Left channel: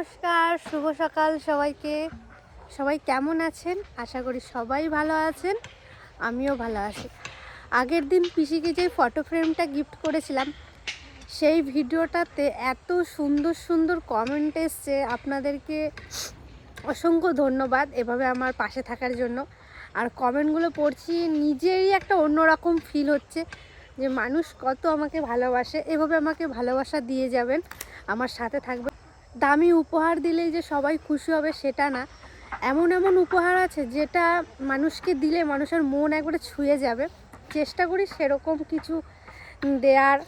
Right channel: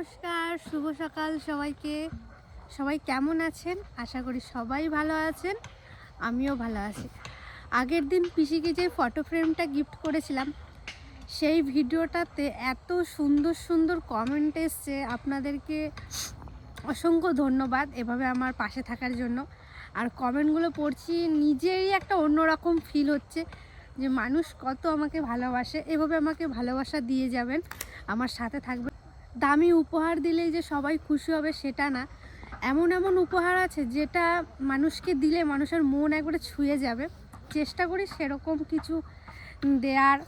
নমস্কার, শুভ সকাল সবাইকে। সবাই কেমন আছেন? আশা করি সবাই ভালো আছেন, আমিও ভালো আছি। আগের দিন পিসিকে যে ফটো ফ্রেমটা গিফট করেছিলাম, সেই ভিডিওটাতে এত সুন্দর সুন্দর কমেন্ট এসছে। আপনাদেরকে অসংখ্য ধন্যবাদ এভাবে আমার পাশে থাকার জন্য। আর কমেন্টগুলো পড়ছি, নিজেরই একটা অন্যরকম ফিল হচ্ছে যে মানুষ কত আমাকে ভালোবাসে, এভাবে আমাকে ভালোবাসা দিয়ে যাবেন। আমার সাথে থাকবে দামি উপহার দিলেই যে সবাই খুশি হবে সেটা না। এমন এমন উপহার আছে যেটা মানুষকে দিলে মানুষের মন একবারে ছুঁয়ে যাবে। চেষ্টা করি সেরকম কিছু দেয়ার।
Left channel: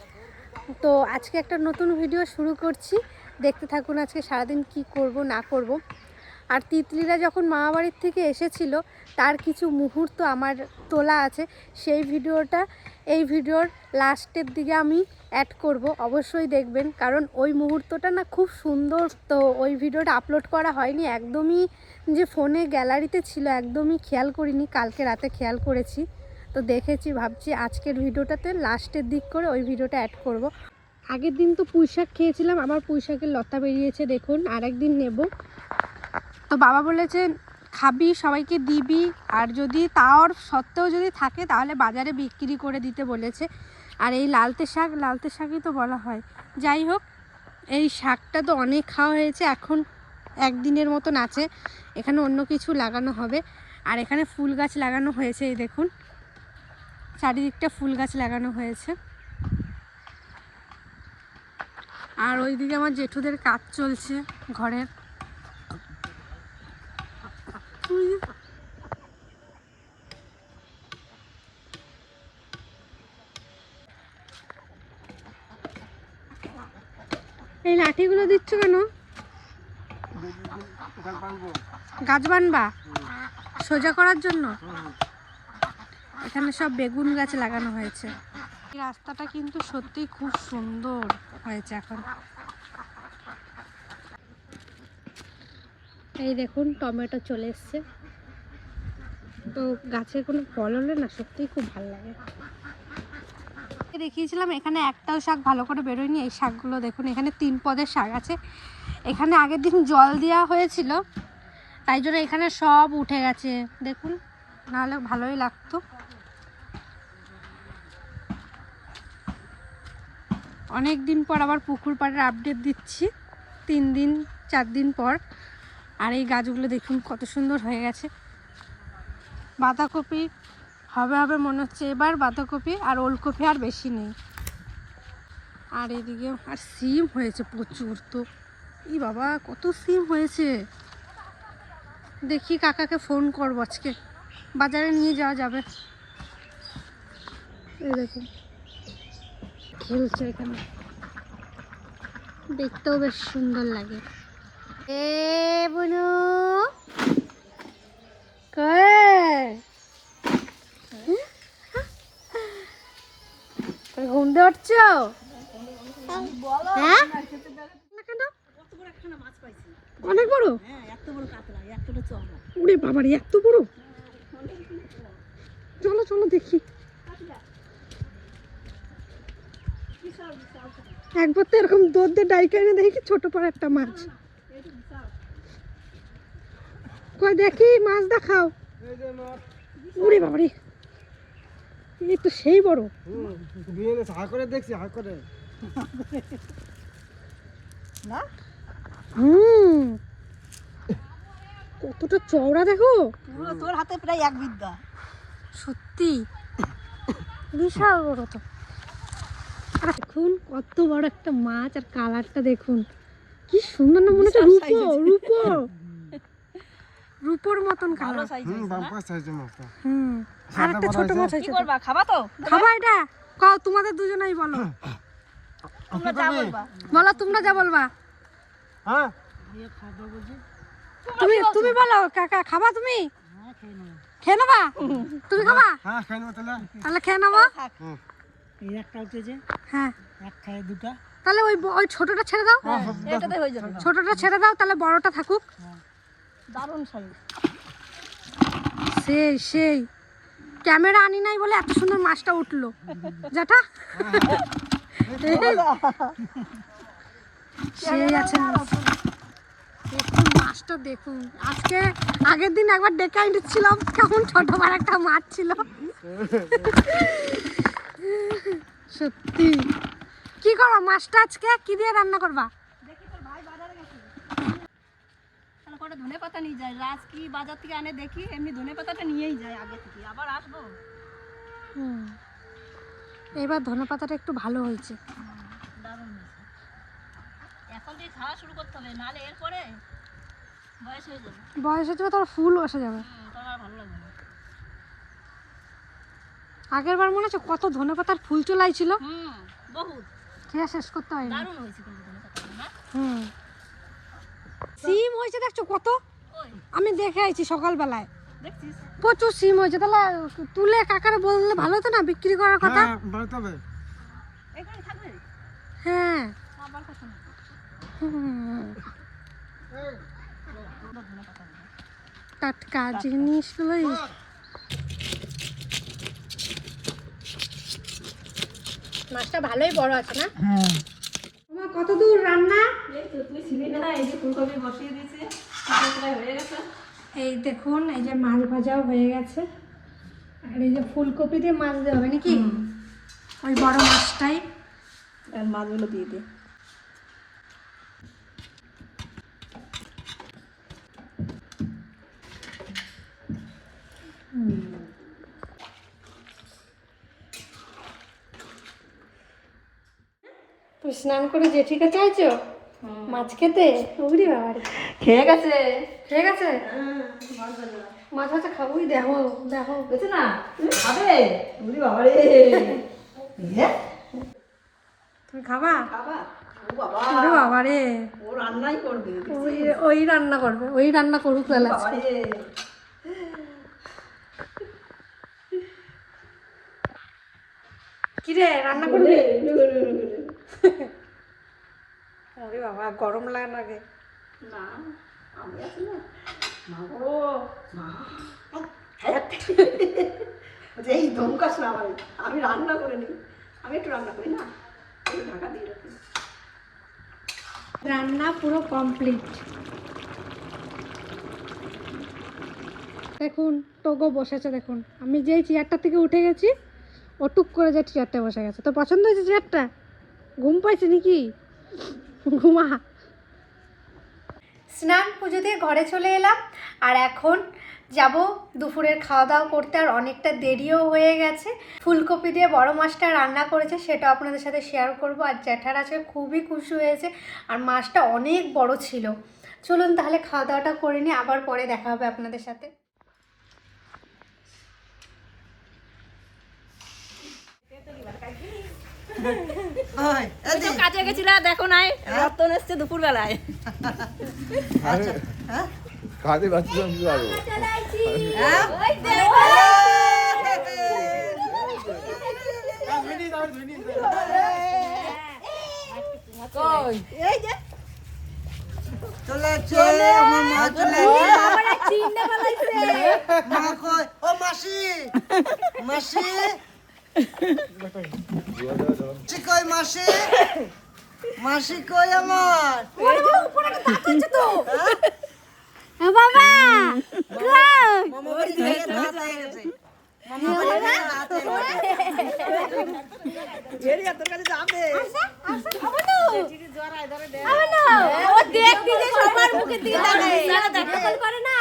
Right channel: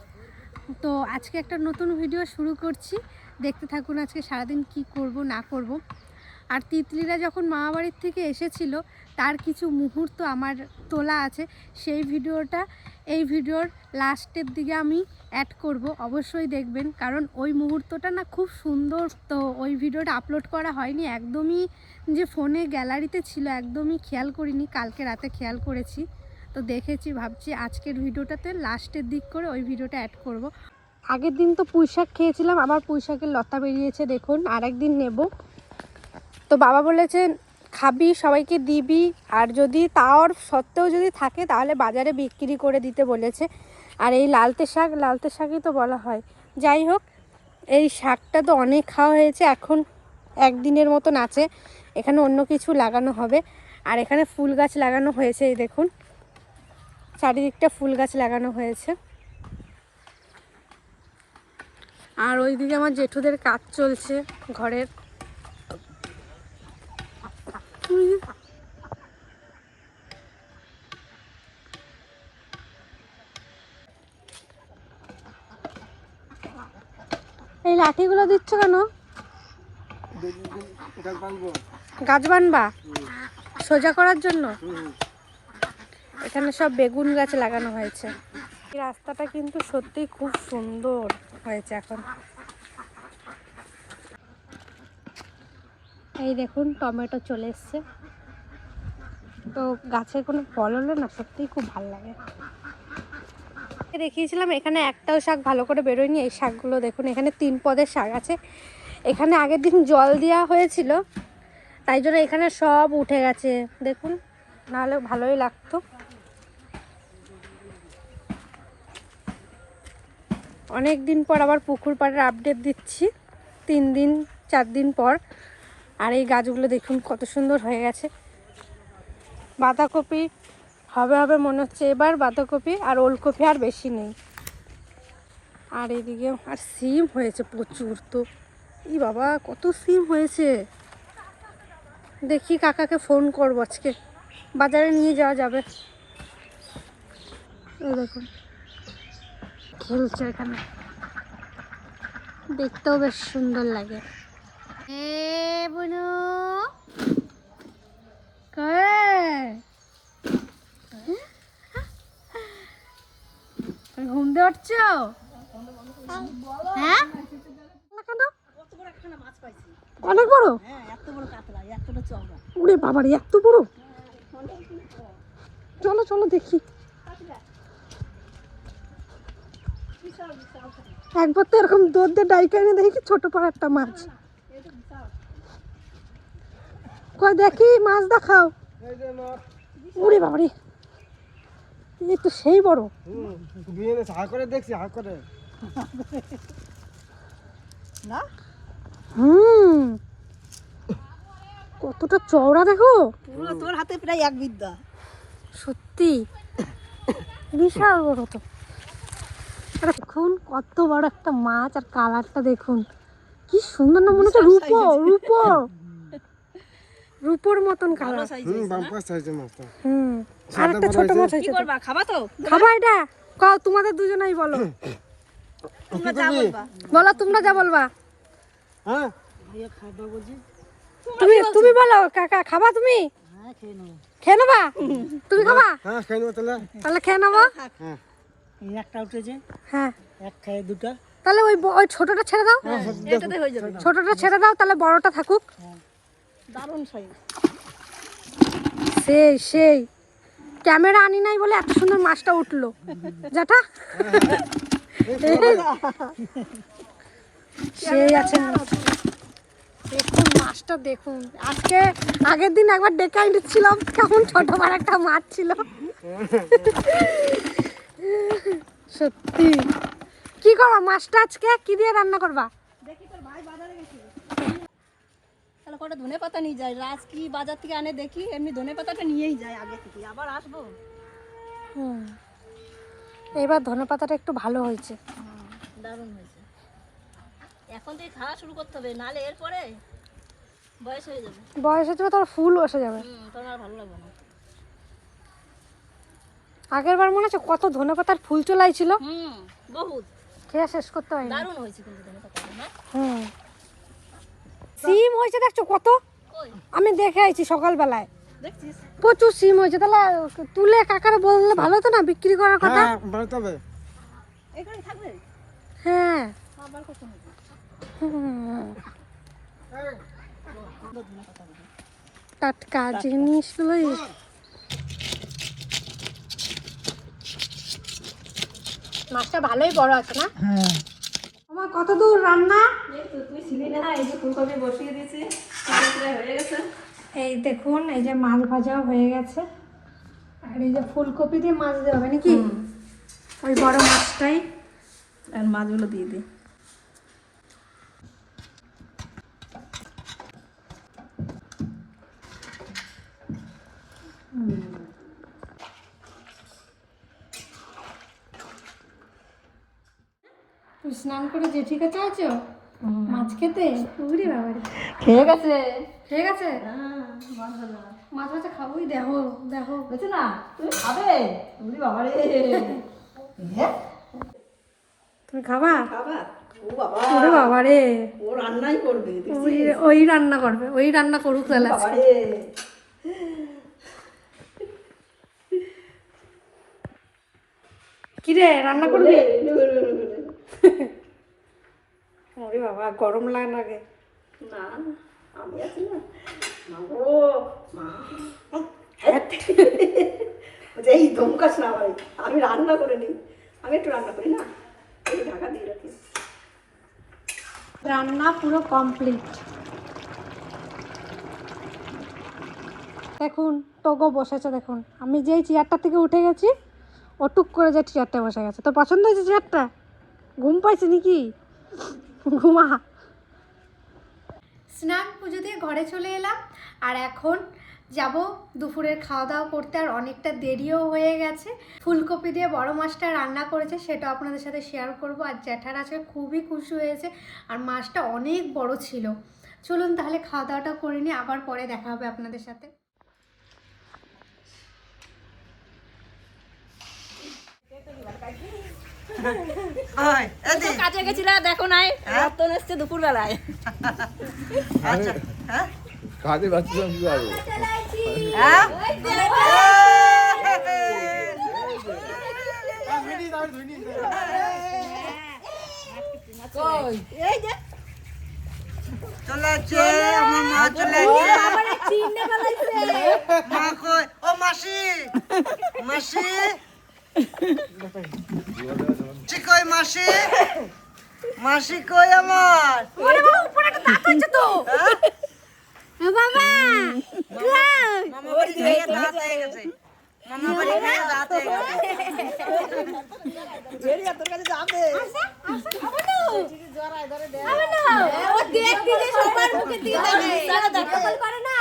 তো আজকে একটা নতুন ভিডিও শুরু করছি। দেখতে থাকুন আজকে সারাদিন কি করব না করব। আর তিতলিরা যখন মামাবাড়ির থেকে এসেছিল, তার কিছু মুহূর্ত আমার তোলা আছে। সেই ভিডিওটা, এই ভিডিওর লাস্টের দিকে আমি অ্যাড করব, অবশ্যই দেখবেন। কারণ ওই মুহূর্তটা না খুব সুন্দর। তো ওই ভিডিওটা আপলোড করা হয়নি। একদমই যে ফোনে গ্যালারিতে ছিল, একদমই খেয়াল করিনি। কালকে রাতে খেয়াল করেছি। তো দেখেছি, ভাবছি আজকের ভিডিওটাতে লাস্টের দিক করে ওই ভিডিওটা অ্যাড করব। আগের দিন তো পুঁই শাক খেয়েছিলাম। আবার পুঁইশাকের লতা বেরিয়েছে, দেখুন। আরেকদিন নেব। তো বাবা বলেছেন খাবি, সবাইকে দিবি। আর যদি তাওর সত্ত্বেও যদি থাকে, তাহলে বাজারে বিক্রি করে দিতে বলেছে। আর এই লালতে শাক, লালতে শাকই তো বলা হয়। যাই হোক, এই শাকটা তো অনেক খাওয়া হয়েছে, এখন একদিনের মতন আছে। এখানে অন্য কিছু লাগানো হবে। আর এখানে ফুল গাছ লাগানো হয়েছে, এই দেখুন। চারিদিকটা ফুল গাছ লাগানো হয়েছে। আর ওইদিকে আমার জেঠুদের কাজ চলছে ঘরের এই লাঠিগুলো দিচ্ছ কেন গাছ বানবা? সোজা করার জন্য? এখানে সব বেগুন গাছ লাগানো হয়েছে। রাস্তাটা কিন্তু সত্যিই খুব সুন্দর হয়েছে এখন। এই দেখুন, টমেটো চলে এসছে। তো গাছের কোনো ফল হলে না সত্যিই খুব ভালো লাগে। দেখিয়েছিলাম, এখানে একটাও শাক ভালো করে বেরোয়নি। এই শাকগুলো দেখুন, এখানে তিন পদের শাক আছে। এখানে আগের দিন জল দেওয়া হয়েছিল, তাই জন্য এখানে সব উঠে গেছে। দেখুন, নাহলে ভালোই লাগতো। অনেক দিন পর আবার পুকুর পাড়ের আপডেট দিচ্ছি, তিন দিন, চার দিন পর। আর এই গাছগুলো দেখুন কত সুন্দর হয়ে গেছে। বাঁধাকপি, হবে হবে মনে হচ্ছে এবার বাঁধাকপি আর ওলকপি আর বেশি নেই। আর এদিকে আর সিম হয়েছে প্রচুর তো। ই বাবা কত সিম হয়েছে। দেখি কাকাকে ফোন করব আজকে। বাজারে নিয়ে যাওয়া যাবে। দেখুন খেলছে এখানে। দেখতেও বেশ সুন্দর লাগে। এ বনু তুমি ঘুম দিয়ে উঠছো? হ্যাঁ না কেন অনেক বড়? উড়ে বাবারে এত বড়? চলো চলো দেখি। একবার তো এরকম দুধ দিয়ে ডাইকা এনে দেখি ছোট পাড়া একটা মাছ। কই দেখি মাছ দেখাও। উড়ে বাবারে এই তো সেই বড়। হা করে দেখছি হা করে। হুম। কতটা চওড়া দেখো। পুরো তোর হাতে প্রায় এক বিদ্যা। সত্যি। বিশাল বড় তো। দেখুন কত বড় একটা মাছ আর কালারটা দেখুন। কি সুন্দর না মনে হচ্ছে রূপো রূপো। রূপোর মতন কালার হুম বাম্পার সাইজে মাছটা হুম। আর একটা ছোট? মাছ কি করবা খাবা তো? খাবা এটা? কও তোমাদের দুজনেই বলো। বলো তোমরা যা বলবা। হ্যাঁ? তুমি তুমি বলো কাকা খাবা তুমি? খেয়ে নেবা। তুমি খাবা? হ্যাঁ খাই নেব তাহলে। তাহলে খেয়ে নেব। হ্যাঁ একটা উঠেছে। হ্যাঁ। এক খায় দুটা। তাহলে ওই ওই ছোটটা ছেড়ে দাও। হ্যাঁ, হয়ে ছোটটা ছেড়ে দাও তাহলে বড়টা থাকুক। দারুণ সাইজ। সেই সেই। ক্যামেরা আনি নাই বলে এত সুন্দর মাছটা উঠল। যেটা সেই আছে। মাছটা দেখুন। আজকে আগের দিন একবার ডেকে এনেছিলাম কেমন ছোট বড় একটা মাছ ছিল। সত্যি। কি করবা মাছটা আজকে কি দিয়ে রান্না করবা? দেখি তোর ভাই বাজারে গেছে। তাহলে কটা ধনে পাতা নিয়ে যায়? রাজ কি বাজার থেকে আনে দেখি এমনি ধনে পাতাটা নিয়েই যায় আগে থেকে। আবার আসব। হুম। এবার ধনে পাতাটা একটু ভালো হয়েছে। দারুণ হয়েছে। এখন থেকে খাওয়া শুরু করতে হবে নাহলে এরপরে বয়স হয়ে যাবে। বয়স হচ্ছে তার ফুল বসে যাবে। তোর আর ভালো লাগবে না। আগের বার মনে আছে কত ধনে পাতার ফুল চলাই ছিল? হুম বহুত। খেয়ে শেষ করতে পারিনি দারুণ হয়েছে কিন্তু ধনে পাতা হুম। সিম হয়েছে দেখছ কত? আমি দেখে আইছি সকালবেলায়। প্রচুর সিম হয়েছে তাহলে তুলে কাকারে বললে ভালো হতো না বিক্রি করার কথা? হ্যাঁ হ্যাঁ। টাটকা জিনিসগুলোই মাছটা ভালোই বড় আছে না? হ্যাঁ। আমার কত দূর রান্না? এই তো তুই ছিলি না এই যে ফুলকপি বসিয়ে দিয়েছি। প্রায় প্রায় হয়ে গেছে। এই দেখুন এই যে মাছ ভাজাও হয়ে গেছে। আর এই যে ফুলকপি দিয়ে মাছ দেওয়া হবে নাকি? ওই বড় মাছটাই। আর মাছগুলো দিয়ে দিই। স্নান করে জেঠিকে চাইছো? মাছ খেতে? বাবা। খেয়ে গেছে। ঠিক আছে? মাছ খাবোই দেখো দেখো না? খাবে? বাবা রে। তুমি খাবা? খাবার ও বাবা। রে। ও রান্নাই করবে ওই রান্না করবে ওই রান্না করুক তাহলে বাবা রে। কি রে রান্না করবি? ওরে বাবা গরম লাগে লাগে না আমি আছি না। মা গো। মা। এই ধমকাস না ভাই আমি রান্না করে নিই। আমি একটু রান্না করি না? ঢাকা দিয়ে রাখি। রান্না পুরো কমপ্লিট দেখুন টগো বসেছে দেখুন। আমি যেই চেয়ারটা থেকে উঠে গেছি ও টুক করে যে চেয়ারটা বসে গেছে। তো পছন্দ হয়েছে চেয়ারটা ঘুম পাইছে নাকি? ঘুমা। স্নান পুজো দিয়ে ঘরে চলে এলাম, আর এখন যাব দুপুরের খাওয়া দাওয়া করতে, আর অনেকটা দেরিও হয়ে গেছে। ফুলকপি দিয়ে বড় মাছটা রান্না করেছে সেটা আপনাদের সাথে শেয়ার করব। আর জ্যাঠার আজকে খুবই খুশি হয়েছে, আর মাছটা অনেক বড় ছিল। চলুন তাহলে খাওয়া দাওয়াটা করে নিয়ে আবার পরে দেখা হবে আপনাদের সাথে। কাজে গেছিল দেখো নাই রতন এসছে দুপুর বেলায় কাজে পাচ্ছিলাম কি আরও। এই যে আমার মা চলেছে মা কই? ও মাসি মাসি চি মাসি? মাসি কই আমার? বাবা মামা বাড়ি থেকে দাঁত হয়ে গেছে। মামা বাড়ি থেকে দাঁত হয়ে গেছে। এরিয়া তোর কাছে যাবে ও দেখবি যে সবার মুখে দিয়ে করে না।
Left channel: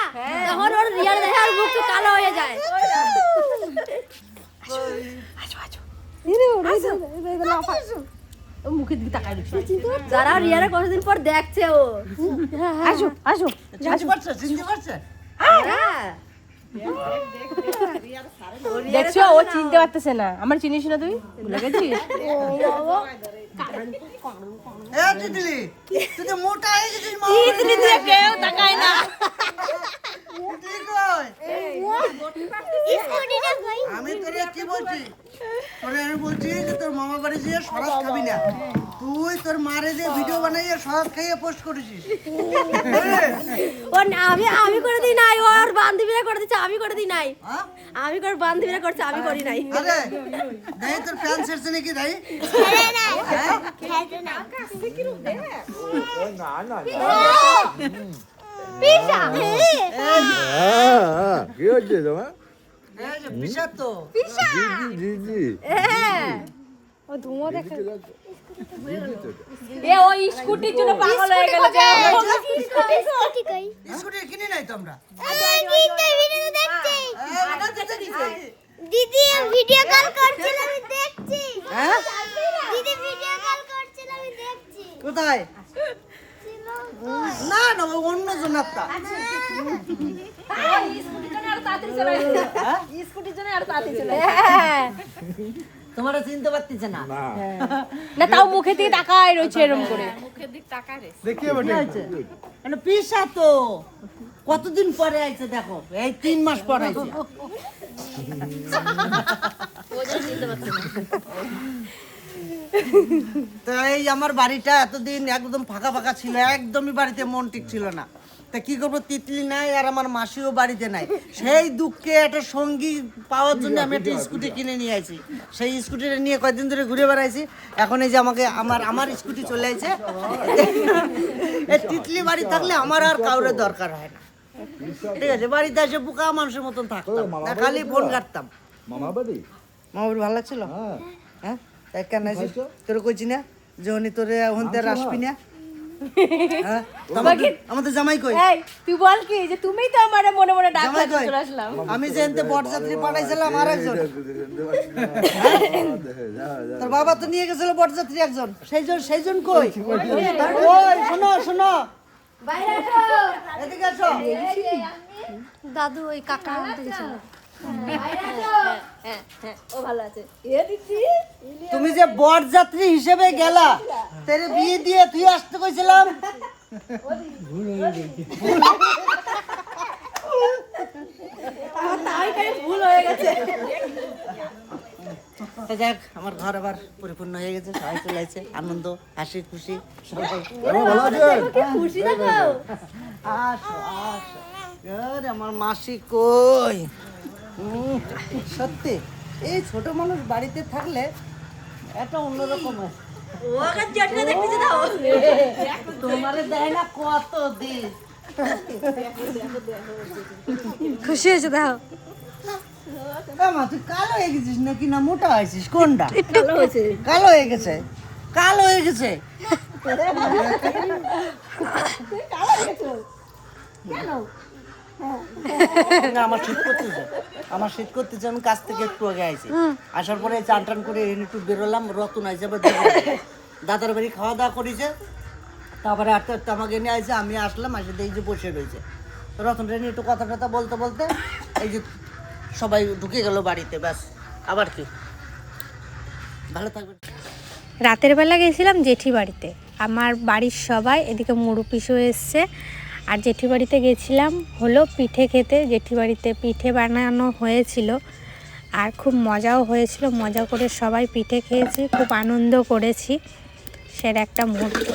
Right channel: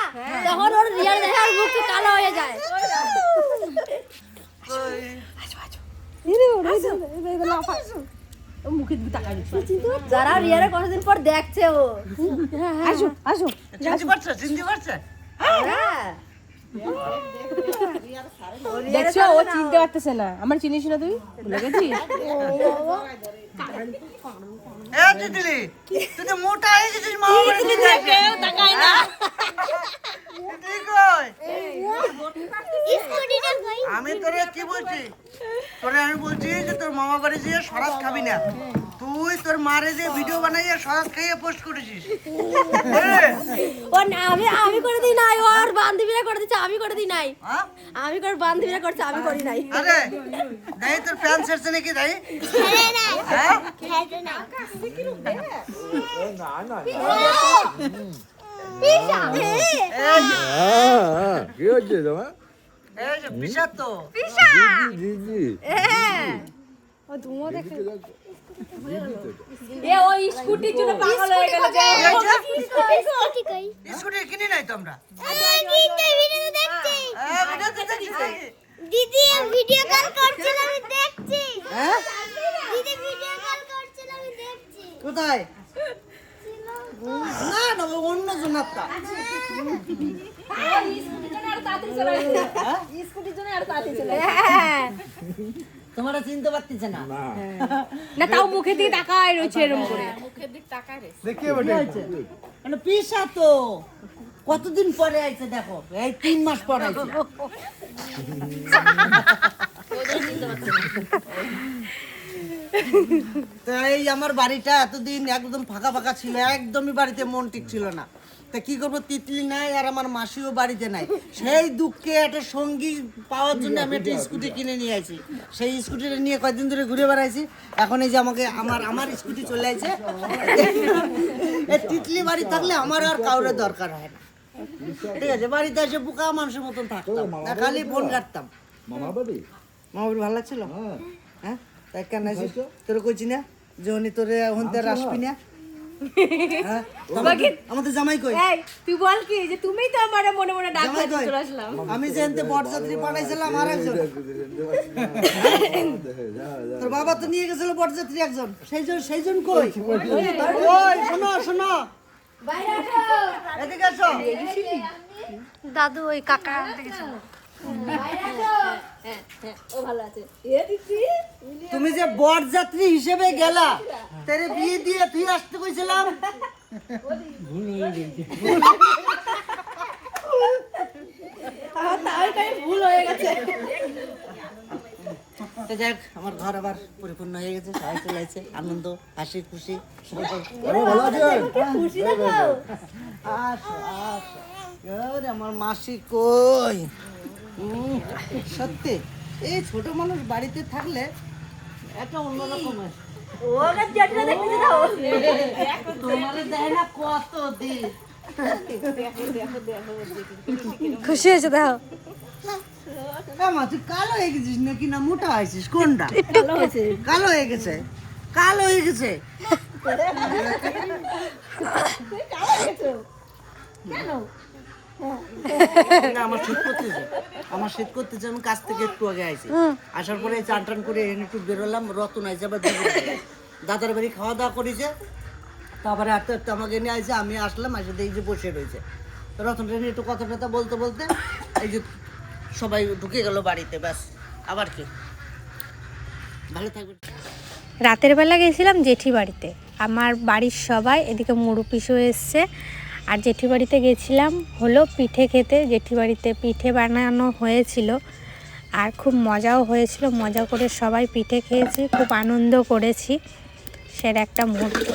তখন ওর রিয়াল দেখে আর মুখ কালো হয়ে যায়। মুখের দিকে তাকাই যারা রিয়ারে কোনোদিন পর দেখছে ও আসো আসো চিনতে পারছে চিনতে পারছে দেখছ ও চিনতে পারতেছে না। আমার চিনিস না তুই? ভুলে গেছিস? তুই মোটা হয়ে গেছিস কেউ তাকায় না। আমি তোরে কি বলছি? তোরে আমি বলছি যে তোর মামা বাড়ি যেয়ে সরাত খাবি না। তুই তোর মারে যে ভিডিও বানাইয়ে সরাত খাইয়ে পোস্ট করেছিস। হ্যাঁ? না- আমি আমি করে দিই নাই ওর বান্ধবীরা করে দিচ্ছে আমি করে দিই নাই। হ্যাঁ? আমি করে বান্ধবীরা করছে আমি করি নাই। আরে দাই তোর ফ্যান ছেড়ছে নাকি দাই? হ্যাঁ? না। না কি হচ্ছে তোমার? স্কুটির জন্য পাগল হয়ে গেল স্কুটি কিনে নাই তো হ্যাঁ, দিদি ভিডিও কল করছিল আমি দেখছি। হ্যাঁ? দিদি ভিডিও কল করছিল আমি দেখছি। কোথায়? না না ও অন্য জন তোমরা চিনতে পারতেছে না? না। না তাও মুখে দিয়ে তাকায় রয়েছে এরকম করে। মানে পিসা তো। কতদিন পরে আইছে দেখো? এই তিন মাস পরে আইছে। তো এই আমার বাড়িটা এতদিন একদম ফাঁকা ফাঁকা ছিল একদমই বাড়িতে মন ঠিক ছিল না। তা কি করব তিতলি নাই আর আমার মাসিও বাড়িতে নাই। সেই দুঃখে একটা সঙ্গী পাওয়ার জন্য আমি একটা স্কুটি কিনে নিয়ে আসি। সেই স্কুটিটা নিয়ে কয়েকদিন ধরে ঘুরে বেড়াইছি। এখন এই যে আমাকে আমার আমার স্কুটি চলে আসে এই তিতলি বাড়ি থাকলে আমার আর কাউরে দরকার হয় না। ঠিক আছে বাড়িতে এসে বোকা মানুষের মতন থাকতাম। খালি ফোন কাটতাম। মামা বাড়ি? মামার ভালো লাগছিল? হ্যাঁ। হ্যাঁ? তাই কেন আছিস তোর কইছি না তোরে আসবি হ্যাঁ? আমাদের- জামাই কই এই তুই বল কি যে তুমিই তো আমার মনে মনে ডাক আসলাম আমি যে এনতে বরযাত্রী পাঠাইছিলাম আর একজন হ্যাঁ? তোর বাবা তো নিয়ে গেছিল বরযাত্রী একজন সেই জন সেই জন কই শোনো শোনো দাদু ওই কাকা দেখেছিল ও ভালো আছে। এ দিদি তুমি যে বরযাত্রী হিসেবে গেলা তেরে বিয়ে দিয়ে তুই আসতে কইছিলাম। ভুল হয়ে গেছে। যাক আমার ঘর আবার পরিপূর্ণ হয়ে গেছে সবাই চলে আসছে আনন্দ হাসি খুশি আমার মাসি কই? সত্যি। এই ছোট মানুষ বাড়িতে থাকলে একটা অন্যরকম হয়। তোমারে দেয় না কত দিন। খুশি হয়েছে দেখো আমা তুই কালো হয়ে গেছিস নাকি না মোটা হয়েছিস? কোনটা? কালো হয়ে গেছে? কালো হয়ে গেছে? আমার শীত করতেছে আমার শীত করতেছে আমি কাছ থেকে একটু আগে আইছি। আসার পরে চান টান করে একটু বেরোলাম রতন আইসে। দাদার বাড়ি খাওয়া দাওয়া করেছে। তারপরে আমাকে নিয়ে আসে আমি আসলাম আসে এই যে বসে রয়েছে। রতন রেনি একটু কথা টথা বলতে বলতে এই যে সবাই ঢুকে গেল বাড়িতে ব্যাস। আবার কি? ভালো থাকবে রাতের বেলা গেছিলাম জেঠি বাড়িতে। আমার বাড়ির সবাই এদিকে মুড়ু পিসু এসছে। আর জেঠি বাড়িতে গেছিলাম, হলো পিঠে খেতে। জেঠি বাড়িতে পিঠে বানানো হয়েছিল আর খুব মজাও হয়েছিল। মজা করে সবাই পিঠে খেয়েছি, খুব আনন্দ করেছি। সের একটা মুহূর্ত।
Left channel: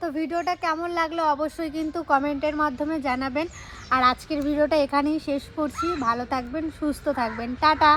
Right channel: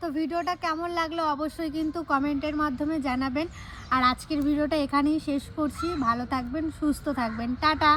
তো ভিডিওটা কেমন লাগল অবশ্যই কিন্তু কমেন্টের মাধ্যমে জানাবেন। আর আজকের ভিডিওটা এখানেই শেষ করছি। ভালো থাকবেন, সুস্থ থাকবেন। টাটা!